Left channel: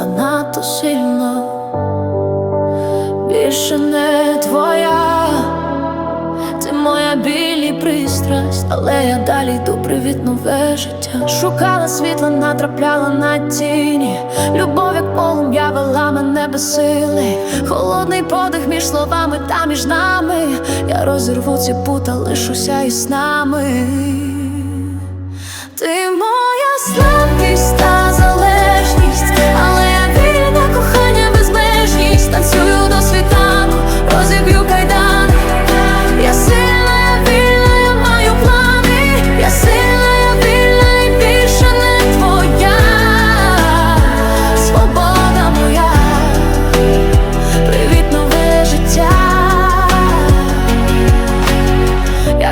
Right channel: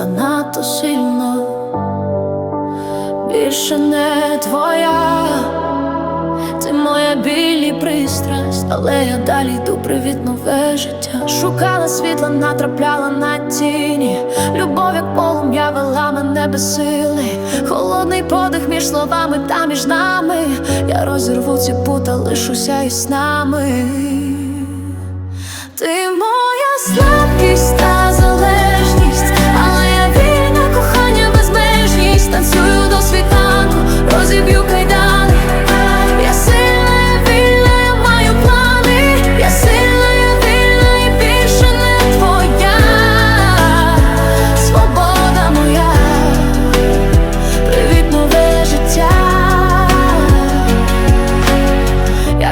надто сильно, більше не твоя, ти моя біль і пристрасть, але я далі йду привіт нове життя. Шукала світла, натрапляла на тіні. Любов, як полум'я вела мене без сили. Холодний подих між словами та між нами. Я розірву ці пута, лишуся із нами.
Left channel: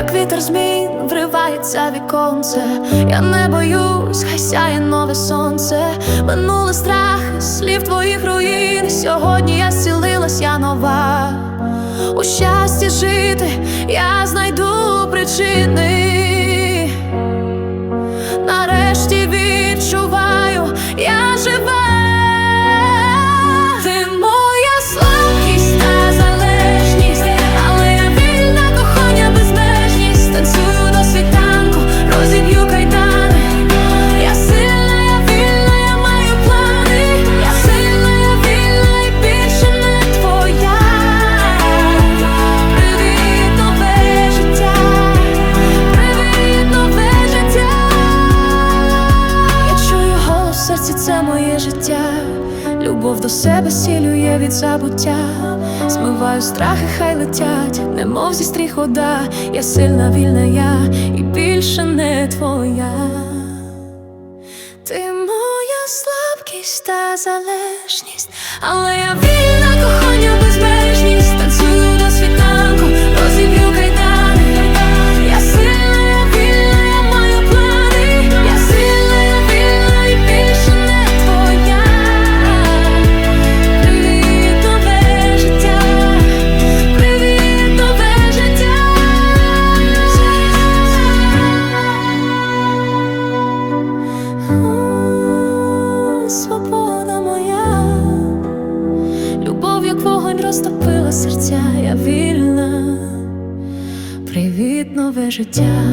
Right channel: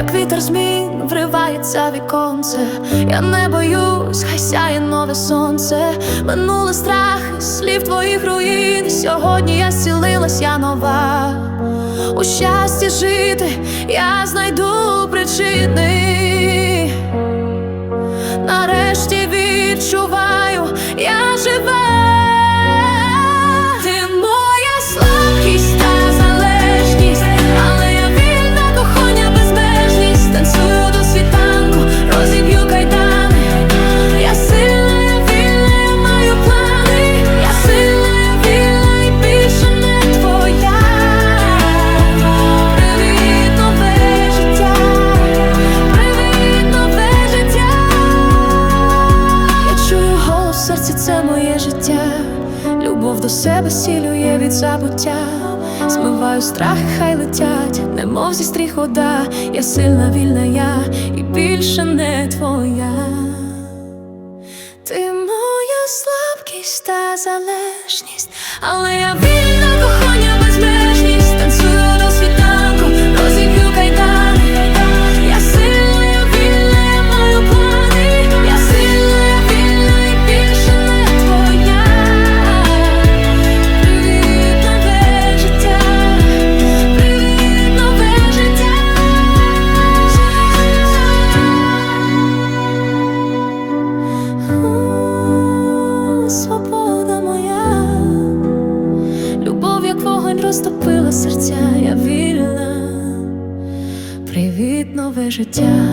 Як вітер змін вривається віконце, я не боюсь, хай сяє нове сонце, минули страхи, слів твоїх руїн. Сьогодні я зцілилась, я нова. У щасті жити я знайду причини. Нарешті відчуваю, я жива. Серці, це моє життя. Любов до себе сілює від забуття. Змиваю страхи, хай летять, немов зі стріх вода. Я сильна, вільна я і більше не твоя. Ти моя слабкість та залежність, але я вільна, моя, любов, як вогонь розтопила серця, я вільна. Привіт, нове життя.